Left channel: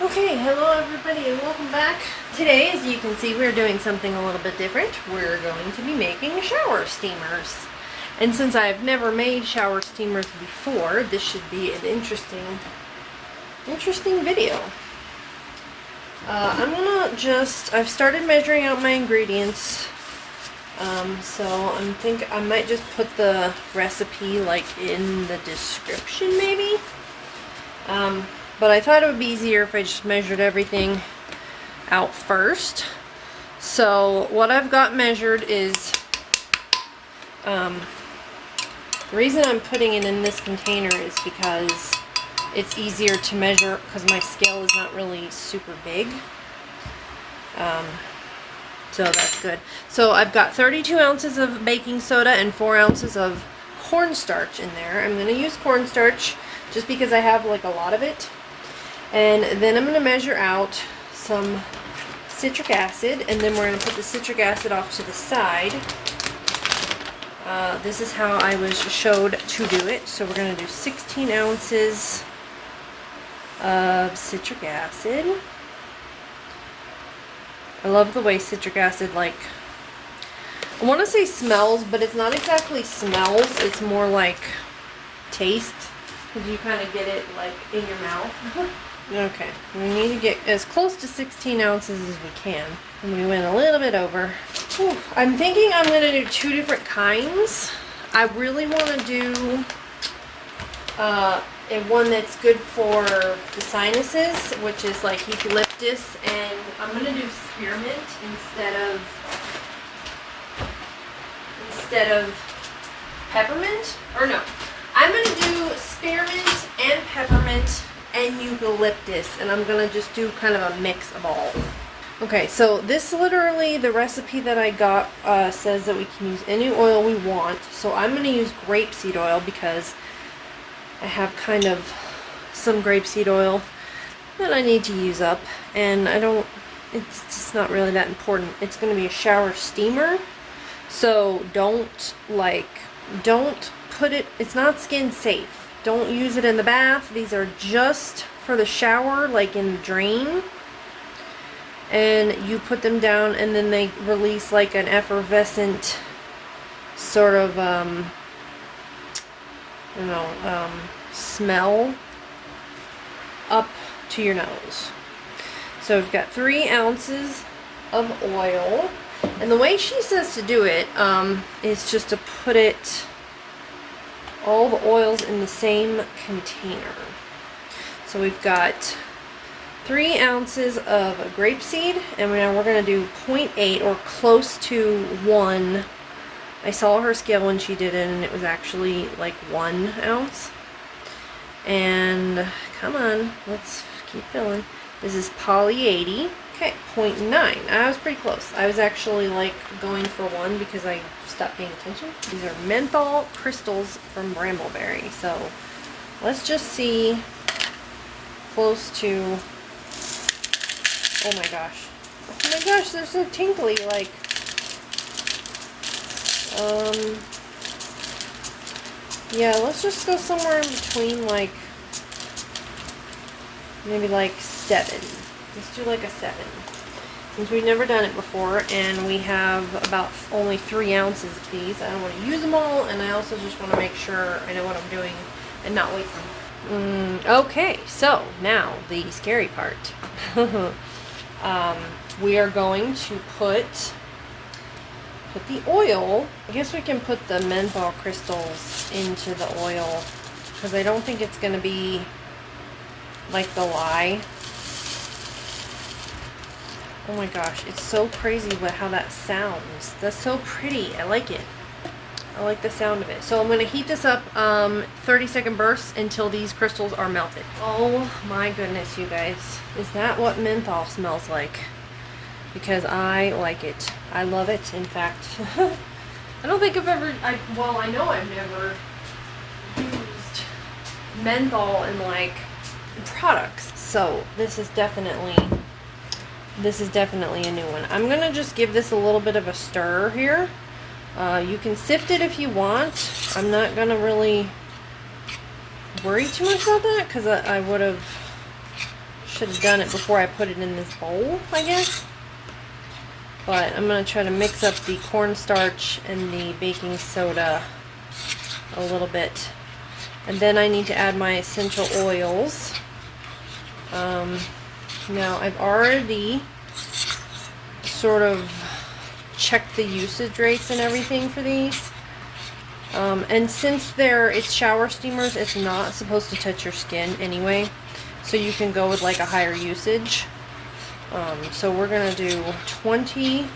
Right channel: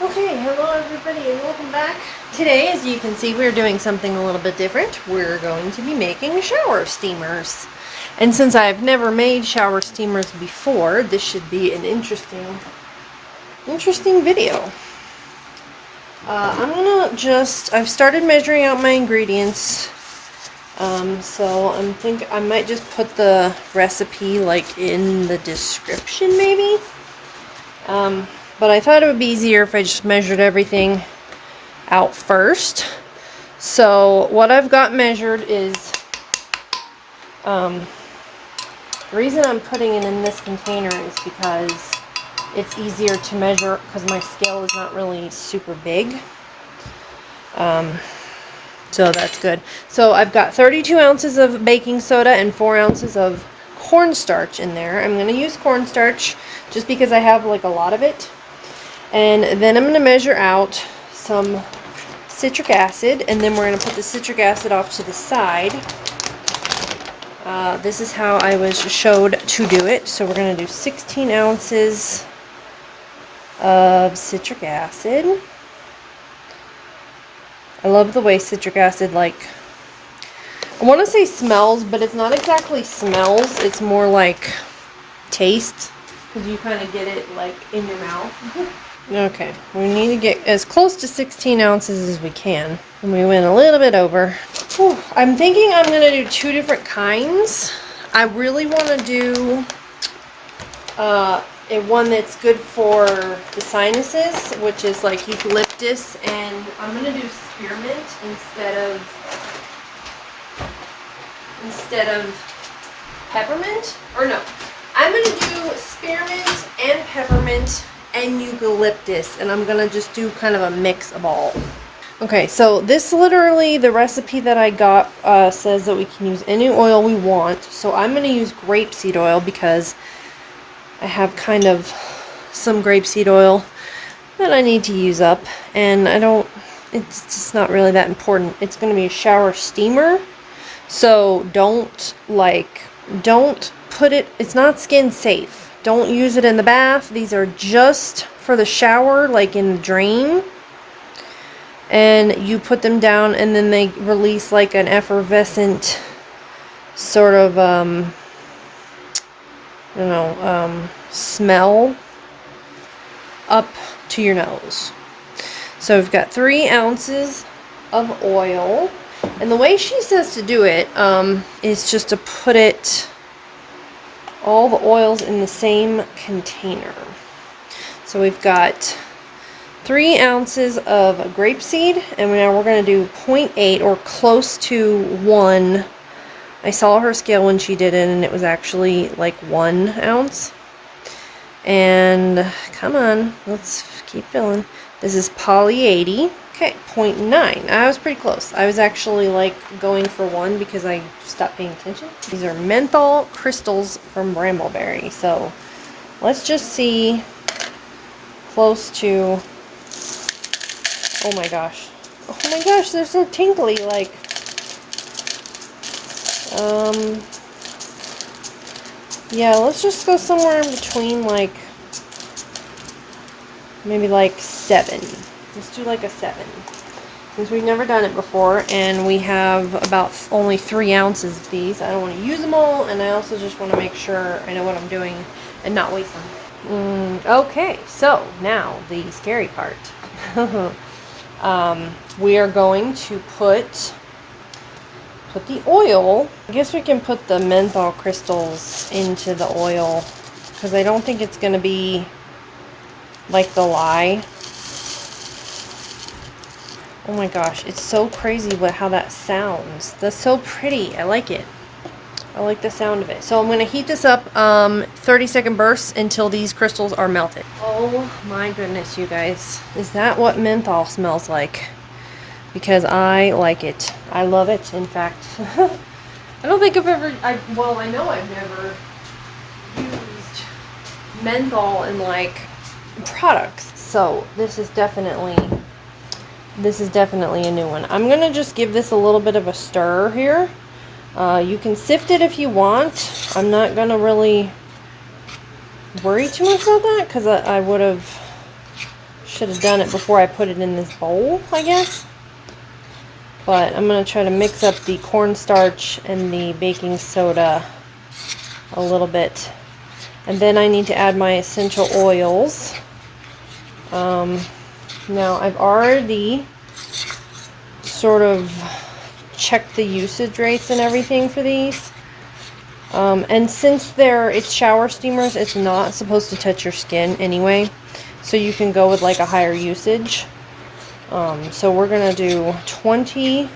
Okay, hello everybody and welcome back. Today, as you can see, we're doing something a little bit different. We're going to be making shower steamers. And since I've never made shower steamers before, this should be an interesting video. I've started measuring out my ingredients. So I might just put the recipe like in the description maybe. But I thought it would be easier if I just measured everything out first. So what I've got measured is, the reason I'm putting it in this container is because it's easier to measure because my scale is not really super big. So that's good. So I've got 32 ounces of baking soda and 4 ounces of cornstarch in there. I'm going to use cornstarch just because I have like a lot of it. And then I'm going to measure out some citric acid, and then we're going to put the citric acid off to the side. This is how I was showed to do it. So we're going to do 16 ounces of citric acid. I love the way citric acid, like, I want to say smells, but it's not exactly smells. It's more like tastes, because you kind of get it like in your mouth. Okay, we need to get as close to 16 ounces as we can. And we went a little bit over. Whew. I'm thinking I'm going to do 2 different kinds. I really want to do one that's good for the sinuses, which is like eucalyptus, and I'm going to do spearmint instead of peppermint. Or no, I'm going to do spearmint and peppermint and eucalyptus, and I'm gonna just do kind of a mix of all. Okay, so this literally, the recipe that I got says that we can use any oil we want. So I'm gonna use grapeseed oil because I have kind of some grapeseed oil that I need to use up, and it's just not really that important. It's gonna be a shower steamer, so don't put it, it's not skin safe. Don't use it in the bath. These are just for the shower, like in the drain. And you put them down and then they release like an effervescent sort of, smell up to your nose. So we've got 3 ounces of oil. And the way she says to do it is just to put it, all the oils in the same container. So we've got 3 ounces of grapeseed, and now we're going to do 0.8 or close to 1. I saw her scale when she did it, and it was actually like 1 ounce. And come on, let's keep filling. This is Poly 80. Okay, 0.9. I was pretty close. I was actually like going for 1 because I stopped paying attention. These are menthol crystals from Brambleberry. So let's just see, close to, oh my gosh, they're so tinkly, like, yeah, let's just go somewhere in between, like, maybe like 7. Let's do like a 7. Since we've never done it before, and we have about only 3 ounces of these. I don't want to use them all, and I also just want to make sure I know what I'm doing and not waste them. Okay, so now the scary part. We are going to put the oil. I guess we can put the menthol crystals into the oil, because I don't think it's going to be like the lye. Oh my gosh, it's so crazy how that sounds. That's so pretty. I like it. I like the sound of it. So I'm going to heat this up 30-second bursts until these crystals are melted. Oh my goodness, you guys. Is that what menthol smells like? Because I like it. I love it, in fact. I don't think I've ever, well, I know I've never used menthol in like products. So this is definitely a new one. I'm going to just give this a little bit of a stir here. You can sift it if you want. I'm not going to really worry too much about that because I would have should have done it before I put it in this bowl, I guess. But I'm going to try to mix up the cornstarch and the baking soda a little bit. And then I need to add my essential oils. Now I've already sort of checked the usage rates and everything for these. And since it's shower steamers, it's not supposed to touch your skin anyway. So you can go with like a higher usage. So we're going to do 20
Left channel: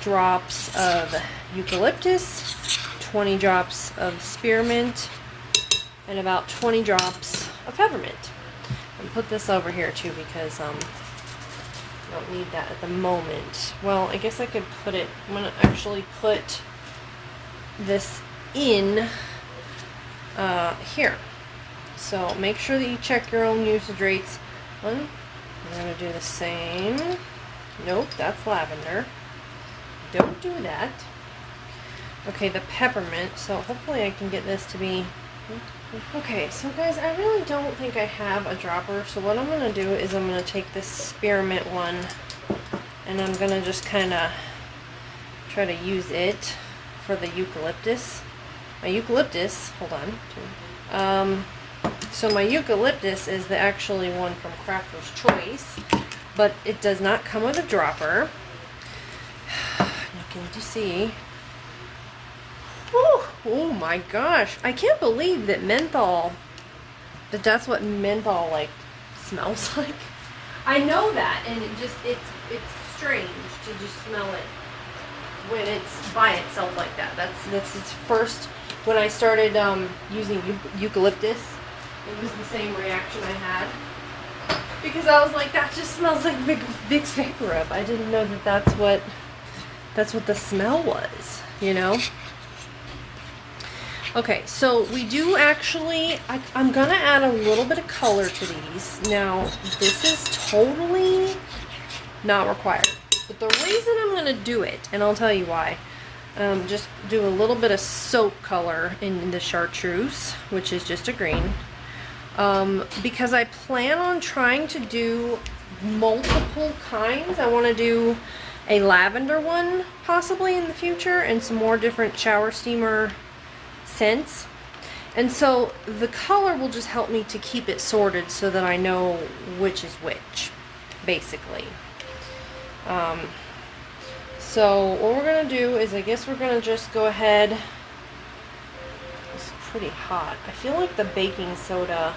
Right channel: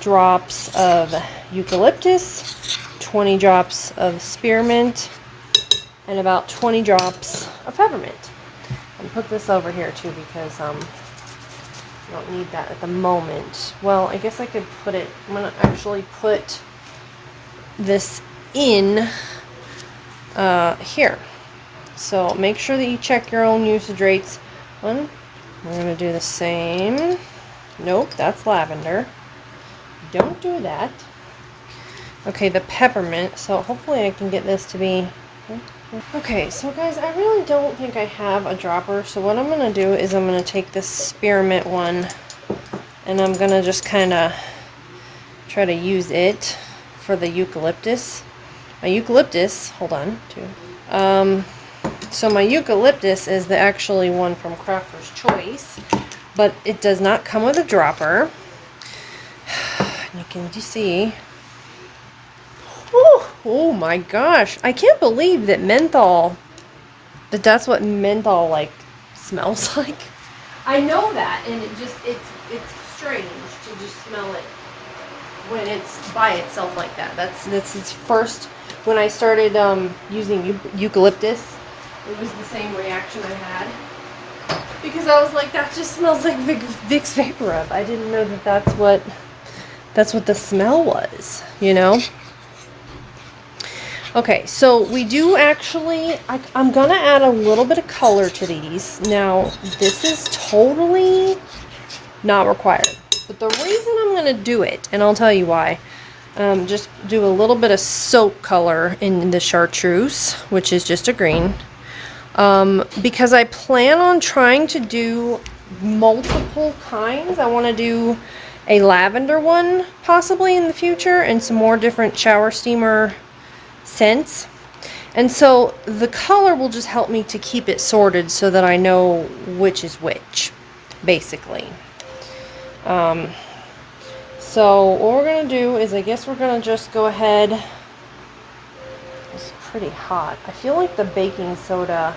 drops of eucalyptus, 20 drops of spearmint, and about 20 drops of peppermint. And put this over here too because I don't need that at the moment. Well, I guess I could put it, I'm going to actually put this in here. So make sure that you check your own usage rates. We're going to do the same. Nope, that's lavender. Don't do that. Okay, the peppermint. So hopefully I can get this to be... Okay, so guys, I really don't think I have a dropper. So what I'm going to do is I'm going to take this spearmint one and I'm going to just kind of try to use it for the eucalyptus. My eucalyptus, hold on, so my eucalyptus is the actually one from Crafter's Choice, but it does not come with a dropper. You can see. Oh my gosh, I can't believe that menthol, that's what menthol like smells like. I know that, and it's strange to just smell it when it's by itself like that. That's its first. When I started using eucalyptus, it was the same reaction I had because I was like, that just smells like Vicks Vapor Rub. I didn't know that that's what the smell was, you know. Okay, so we do actually, I'm gonna add a little bit of color to these. Now, this is totally not required, but the reason I'm gonna do it, and I'll tell you why, just do a little bit of soap color in the chartreuse, which is just a green, because I plan on trying to do multiple kinds. I want to do a lavender one possibly in the future and some more different shower steamer scents, and so the color will just help me to keep it sorted so that I know which is which, basically. So what we're going to do is, I guess we're going to just go ahead. It's pretty hot. I feel like the baking soda,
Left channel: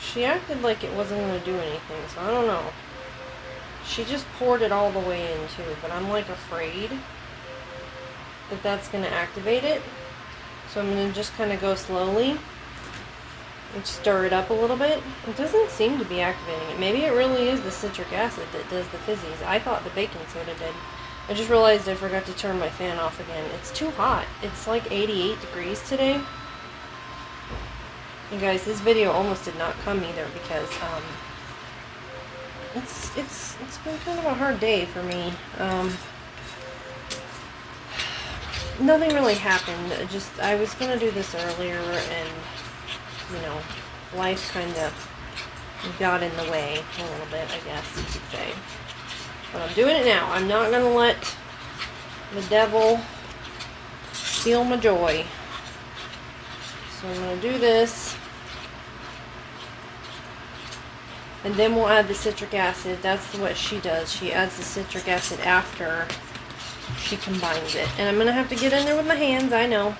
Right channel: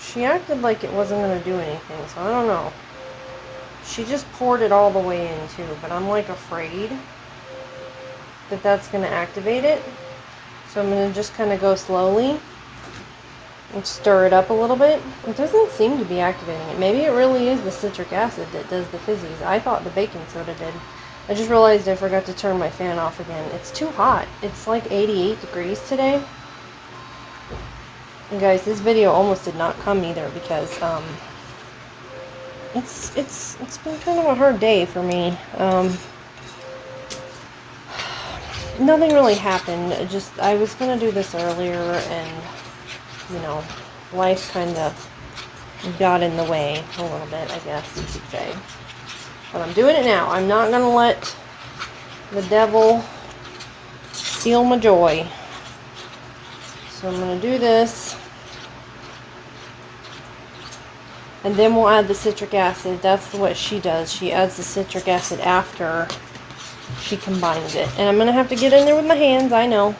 she acted like it wasn't going to do anything, so I don't know. She just poured it all the way in too, but I'm like afraid that that's going to activate it. So I'm going to just kind of go slowly and stir it up a little bit. It doesn't seem to be activating it. Maybe it really is the citric acid that does the fizzies. I thought the baking soda did. I just realized I forgot to turn my fan off again. It's too hot. It's like 88 degrees today. You guys, this video almost did not come either because it's been kind of a hard day for me. Nothing really happened. I was gonna do this earlier, and you know, life kind of got in the way a little bit, I guess you could say. But I'm doing it now. I'm not gonna let the devil steal my joy. So I'm gonna do this, and then we'll add the citric acid. That's what she does. She adds the citric acid after she combines it. And I'm going to have to get in there with my hands, I know.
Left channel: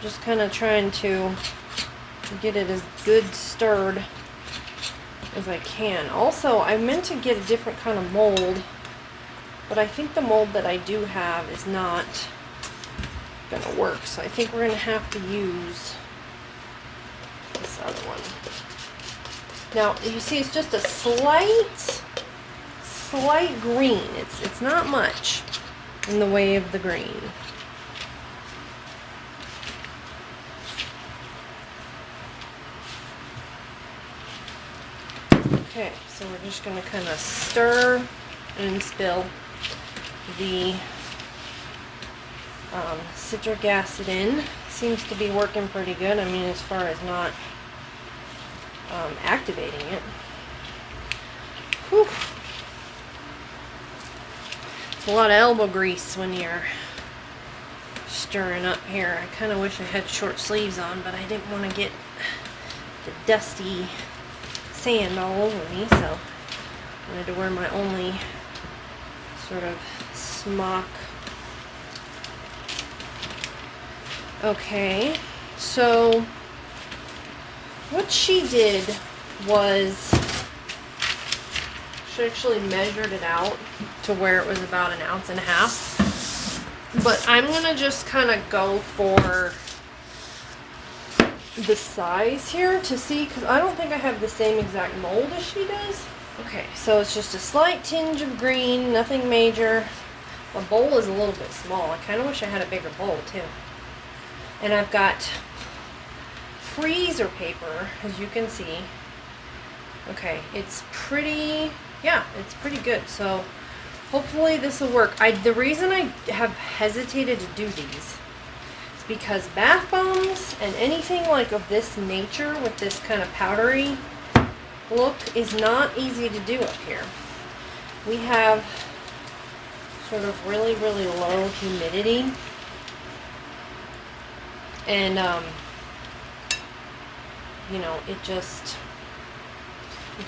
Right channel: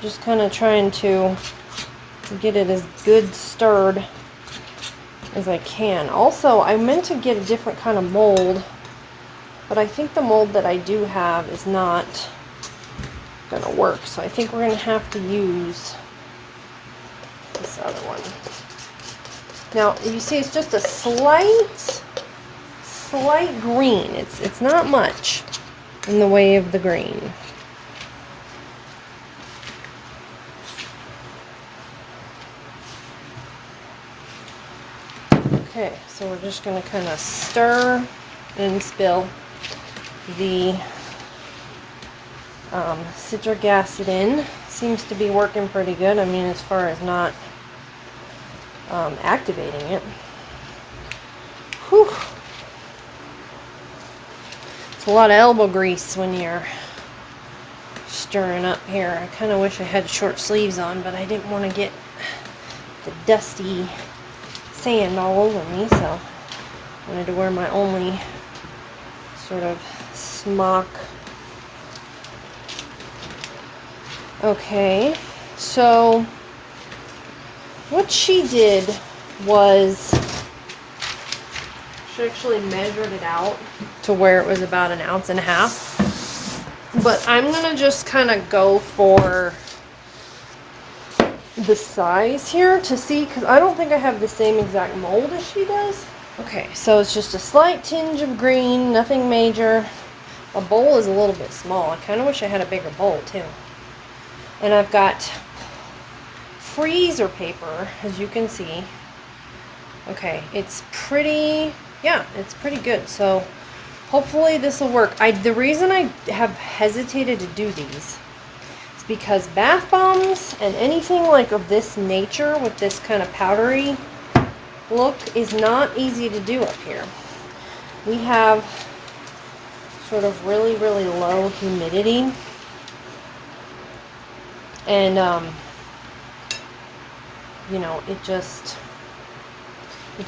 Just kind of trying to get it as good stirred as I can. Also, I meant to get a different kind of mold, but I think the mold that I do have is not going to work. So I think we're going to have to use this other one. Now, you see it's just a slight green. It's not much in the way of the green. Okay, so we're just going to kind of stir and spill the citric acid in. Seems to be working pretty good. I mean, as far as not activating it. Whew. It's a lot of elbow grease when you're stirring up here. I kind of wish I had short sleeves on, but I didn't want to get the dusty sand all over me, so I wanted to wear my only sort of smock. Okay, so what she did was she actually measured it out to where it was about 1.5 ounces. But I'm gonna just kind of go for the size here to see, because I don't think I have the same exact mold as she does. Okay, so it's just a slight tinge of green, nothing major. A bowl is a little bit small. I kind of wish I had a bigger bowl too. And I've got freezer paper, as you can see. Okay, it's pretty, yeah, it's pretty good. So hopefully this will work. The reason I have hesitated to do these is because bath bombs and anything like of this nature with this kind of powdery look is not easy to do up here. We have sort of really, really low humidity. And, you know, it just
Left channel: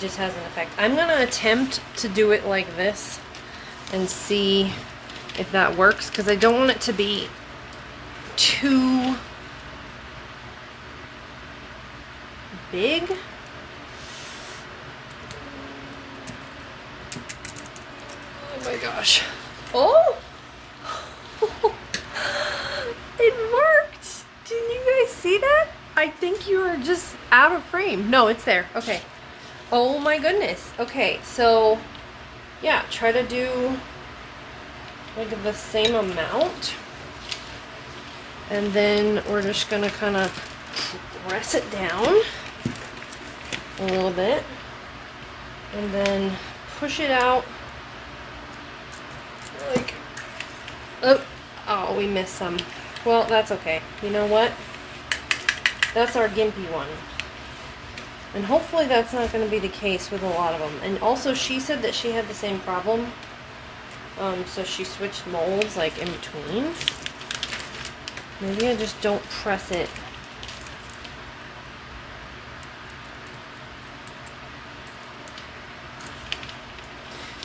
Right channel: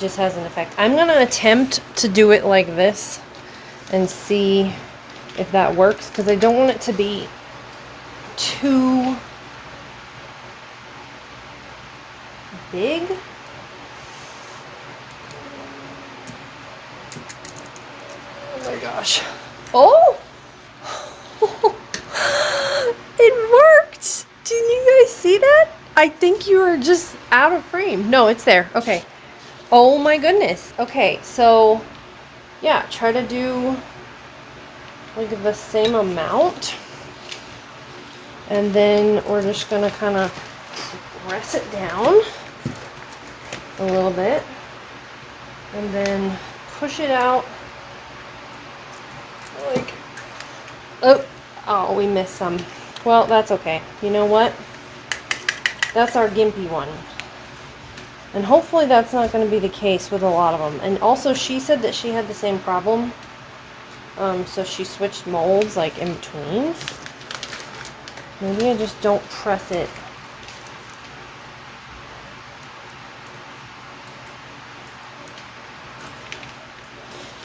has an effect. I'm going to attempt to do it like this and see if that works, because I don't want it to be too big. Oh my gosh. Oh! It worked! Didn't you guys see that? I think you were just out of frame. No, it's there. Okay. Oh my goodness. Okay, so yeah, try to do like the same amount. And then we're just gonna kind of press it down a little bit. And then push it out. Like, oh, we missed some. Well, that's okay. You know what? That's our gimpy one. And hopefully that's not going to be the case with a lot of them. And also she said that she had the same problem. So she switched molds like in between. Maybe I just don't press it.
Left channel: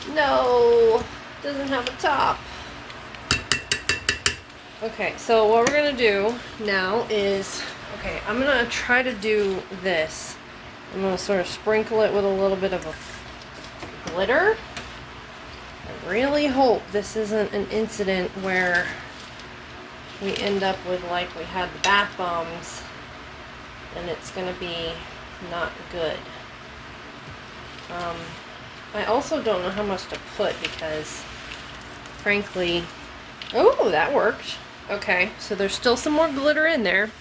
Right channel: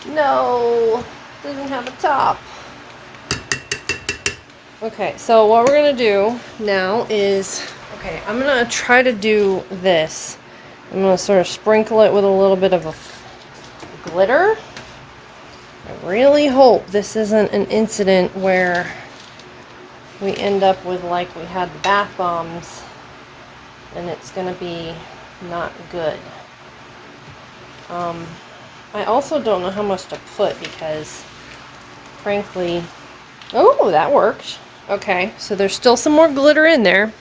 No, doesn't have a top. Okay, so what we're gonna do now is, okay, I'm gonna try to do this. I'm gonna sort of sprinkle it with a little bit of a glitter. I really hope this isn't an incident where we end up with like we had the bath bombs and it's gonna be not good. I also don't know how much to put because frankly, oh, that worked. Okay, so there's still some more glitter in there.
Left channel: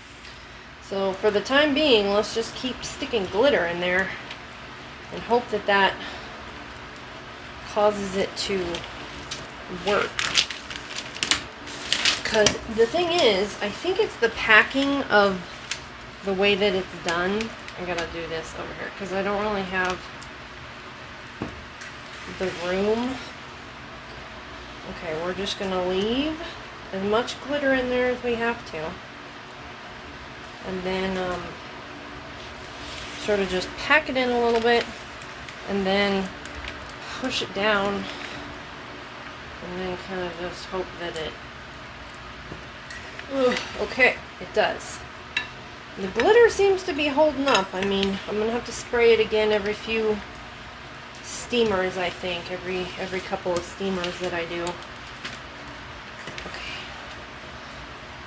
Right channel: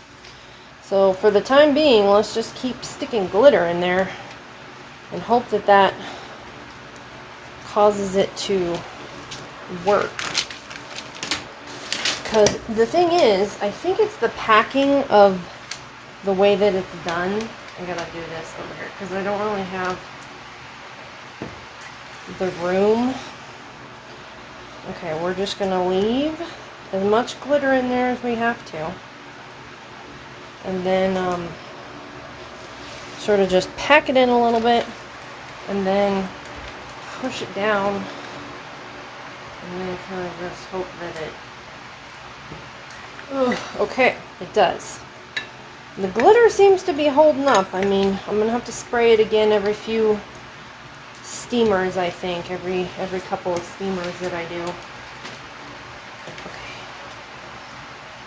So for the time being, let's just keep sticking glitter in there and hope that that causes it to work. Because the thing is, I think it's the packing of the way that it's done. I gotta do this over here because I don't really have the room. Okay, we're just gonna leave as much glitter in there as we have to. And then sort of just pack it in a little bit and then push it down and then kind of just hope that it okay, it does. The glitter seems to be holding up. I mean, I'm gonna have to spray it again every few steamers, I think, every couple of steamers that I do. Okay,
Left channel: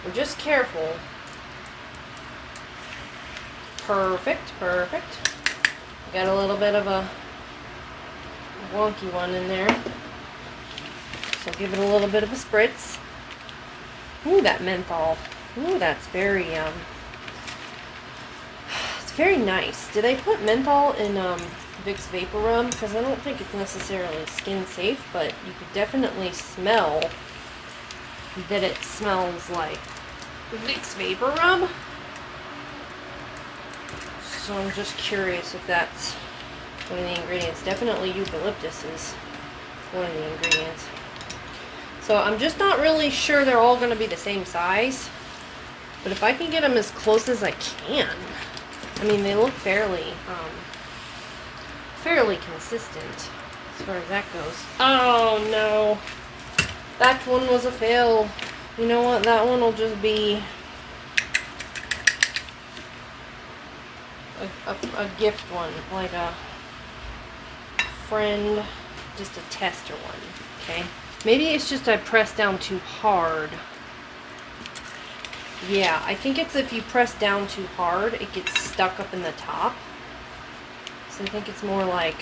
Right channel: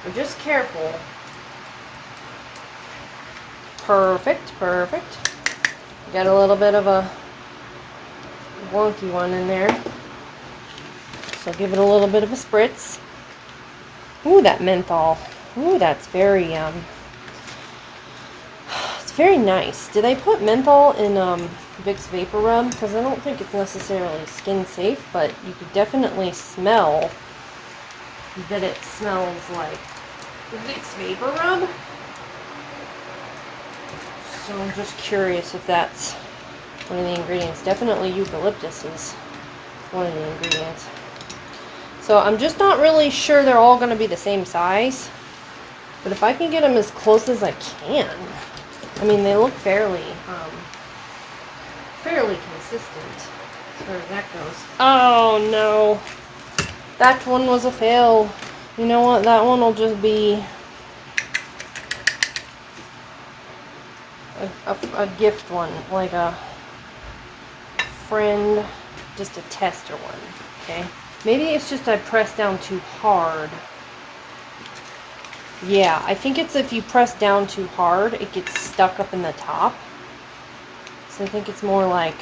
we're just careful. Perfect, perfect. Got a little bit of a wonky one in there, so give it a little bit of a spritz. Ooh, that menthol. Ooh, that's very it's very nice. Did I put menthol in Vicks Vapor Rub? Because I don't think it's necessarily skin safe, but you could definitely smell that it smells like Vicks Vapor Rub. So I'm just curious if that's one of the ingredients. Definitely eucalyptus is one of the ingredients. So I'm just not really sure they're all going to be the same size. But if I can get them as close as I can. I mean, they look fairly consistent as far as that goes. Oh no. That one was a fail. You know what? That one will just be a gift one. Like a friend, just a tester one. Okay? Maybe it's just I pressed down too hard. Yeah, I think it's if you press down too hard, it gets stuck up in the top. So I think it's more like,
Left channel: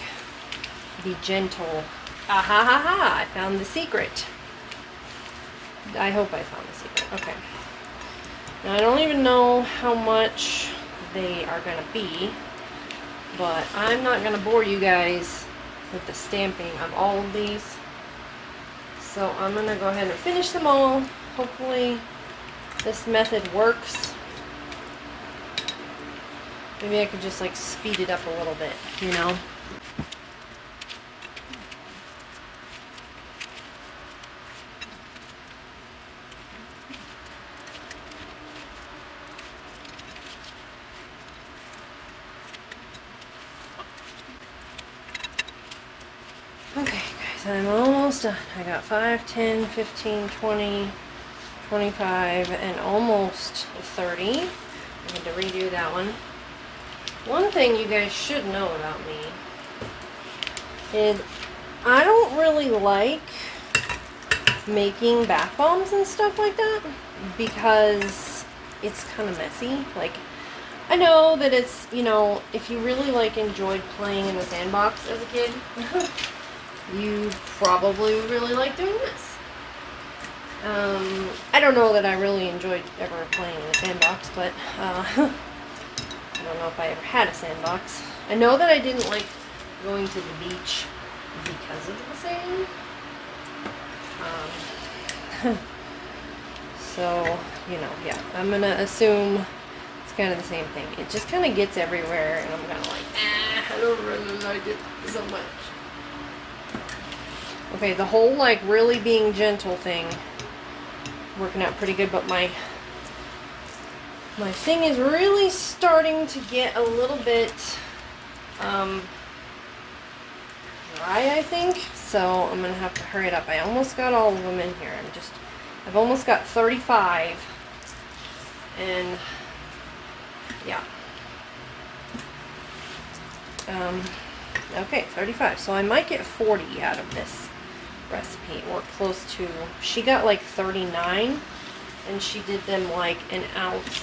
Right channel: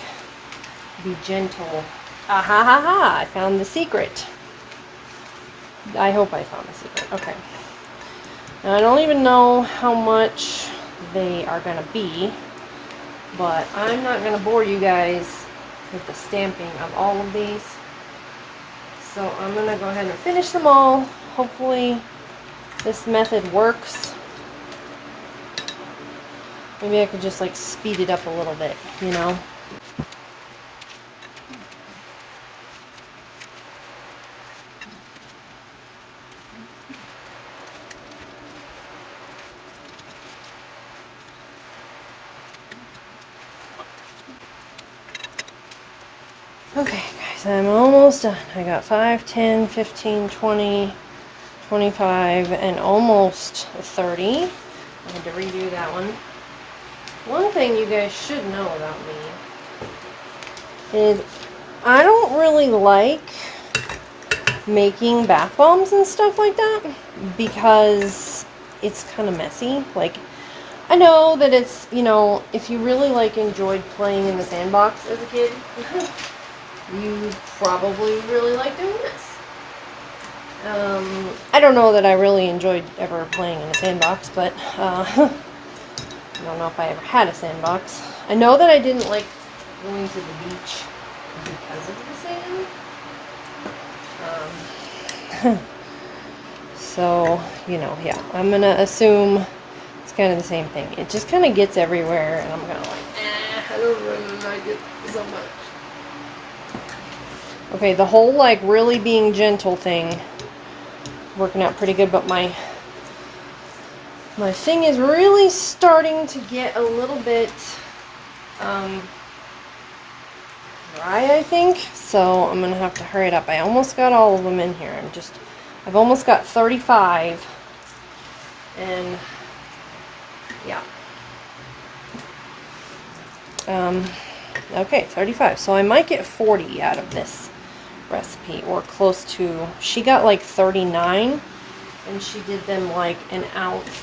be gentle. Ah ha ha ha, I found the secret. I hope I found the secret. Okay. Now I don't even know how much they are going to be, but I'm not going to bore you guys with the stamping of all of these. So I'm going to go ahead and finish them all. Hopefully this method works. Maybe I could just like speed it up a little bit, you know? Okay guys, I'm almost done. I got 5, 10, 15, 20, 25, and almost 30. I had to redo that one. One thing you guys should know about me is I don't really like making bath bombs and stuff like that because it's kind of messy. Like, I know that it's, you know, if you really like enjoyed playing in the sandbox as a kid, you probably would really like doing this. I don't know that I really enjoyed ever playing in the sandbox, but I don't know if I ever had a sandbox. I know that I didn't like going to the beach because of the sand. So, you know, yeah, I'm going to assume it's kind of the same thing. It just kind of gets everywhere, and I'm going to like, I don't really like it so much. Okay, the whole, like, really being gentle thing, working out pretty good, but my thing is really starting to get a little bit dry, I think. So I'm going to have to hurry it up. I almost got all of them in here. I've almost got 35. And, yeah. Okay, 35. So I might get 40 out of this recipe, or close to. She got like 39. And she did them like 1.5 ounces.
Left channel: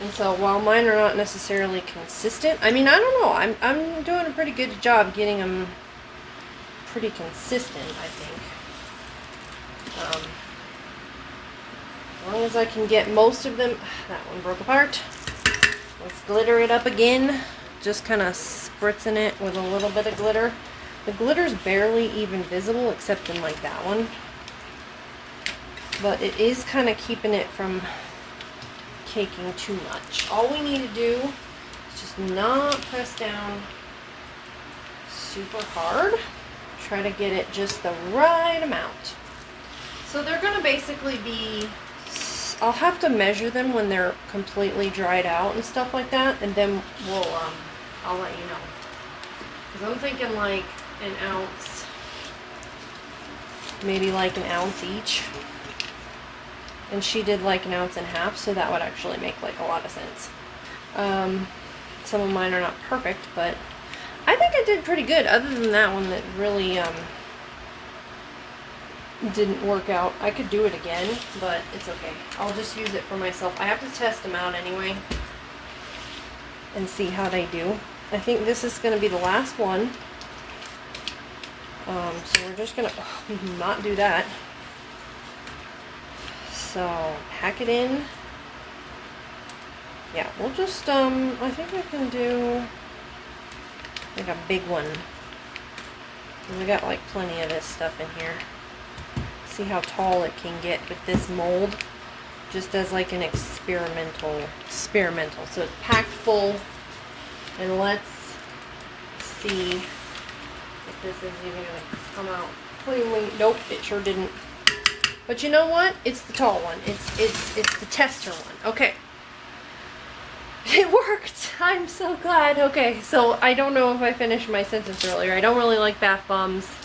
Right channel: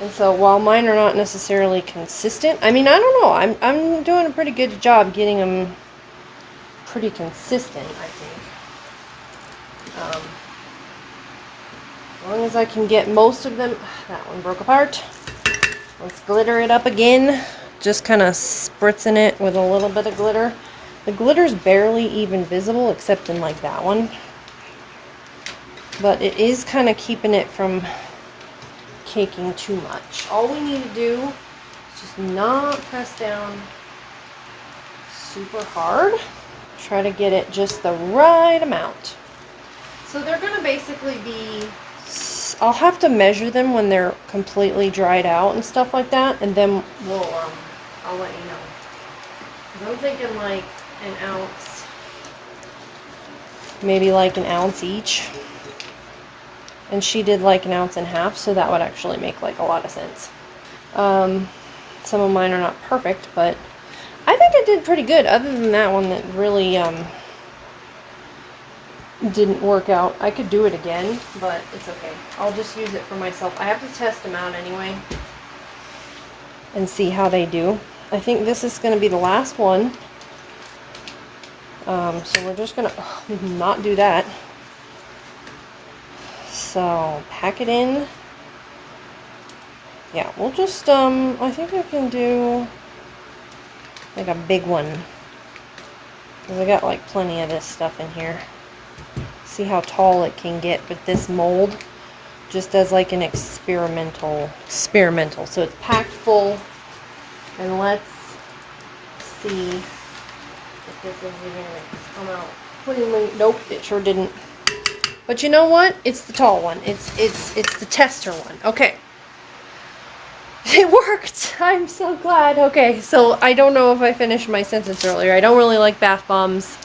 And so while mine are not necessarily consistent, I mean, I don't know. I'm doing a pretty good job getting them pretty consistent, I think. As long as I can get most of them. That one broke apart. Let's glitter it up again. Just kind of spritzing it with a little bit of glitter. The glitter's barely even visible except in like that one. But it is kind of keeping it from caking too much. All we need to do is just not press down super hard. Try to get it just the right amount. So they're going to basically be, I'll have to measure them when they're completely dried out and stuff like that, and then I'll let you know. Because I'm thinking like 1 ounce, maybe like 1 ounce each. And she did like 1.5 ounces, so that would actually make like a lot of sense. Some of mine are not perfect, but I think I did pretty good, other than that one that really didn't work out. I could do it again, but it's okay. I'll just use it for myself. I have to test them out anyway and see how they do. I think this is going to be the last one. So we're just going to not do that. So, pack it in. Yeah, we'll just, I think I can do like a big one. We got like plenty of this stuff in here. See how tall it can get with this mold. just as like an experimental. So it's packed full, and let's see if this is even gonna come out cleanly. Nope, it sure didn't. But you know what? It's the tall one. It's the tester one. Okay. It worked. I'm so glad. Okay, so I don't know if I finished my sentence earlier. I don't really like bath bombs.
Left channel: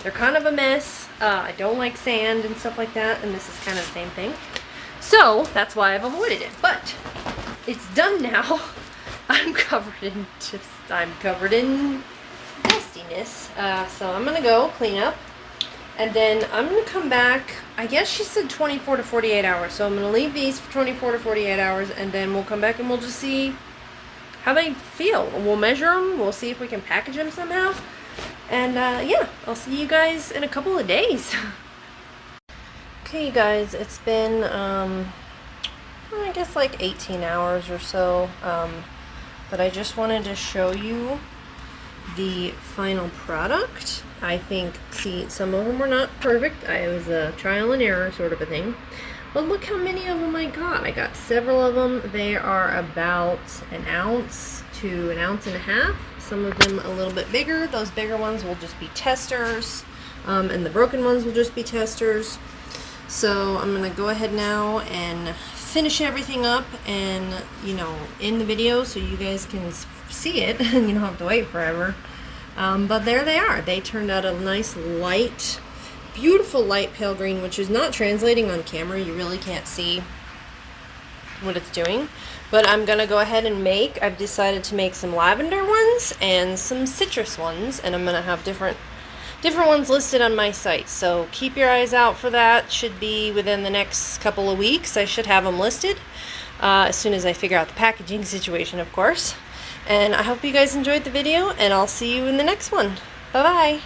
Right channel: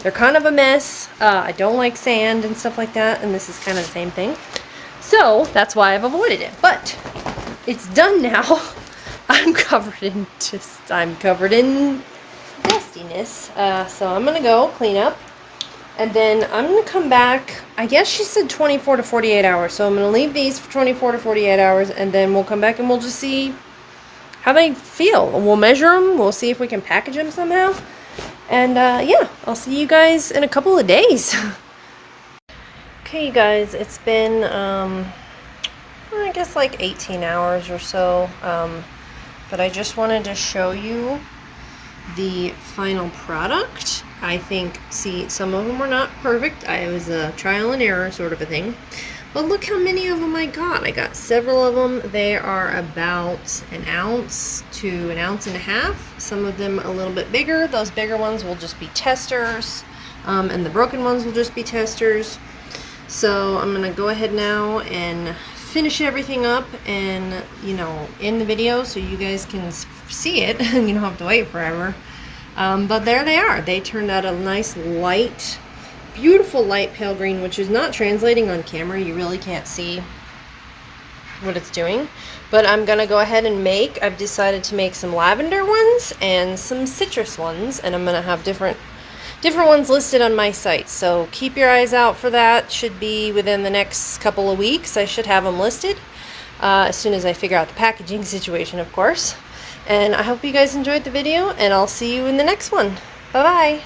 They're kind of a mess. I don't like sand and stuff like that, and this is kind of the same thing. So that's why I've avoided it. But it's done now. I'm covered in dustiness. So I'm gonna go clean up. And then I'm going to come back, I guess she said 24 to 48 hours. So I'm going to leave these for 24 to 48 hours. And then we'll come back and we'll just see how they feel. We'll measure them. We'll see if we can package them somehow. And yeah, I'll see you guys in a couple of days. Okay, you guys, it's been, I guess like 18 hours or so. But I just wanted to show you the final product. I think, see, some of them were not perfect. It was a trial and error sort of a thing. But look how many of them I got. I got several of them. They are about an ounce to an ounce and a half. Some of them a little bit bigger. Those bigger ones will just be testers. And the broken ones will just be testers. So I'm going to go ahead now and finish everything up and, you know, in the video so you guys can see it and you don't have to wait forever. But there they are. They turned out a nice light, beautiful light pale green, which is not translating on camera. You really can't see what it's doing. But I'm going to go ahead and I've decided to make some lavender ones and some citrus ones. And I'm going to have different ones listed on my site. So keep your eyes out for that. Should be within the next couple of weeks. I should have them listed as soon as I figure out the packaging situation, of course. And I hope you guys enjoyed the video, and I'll see you in the next one. Bye-bye.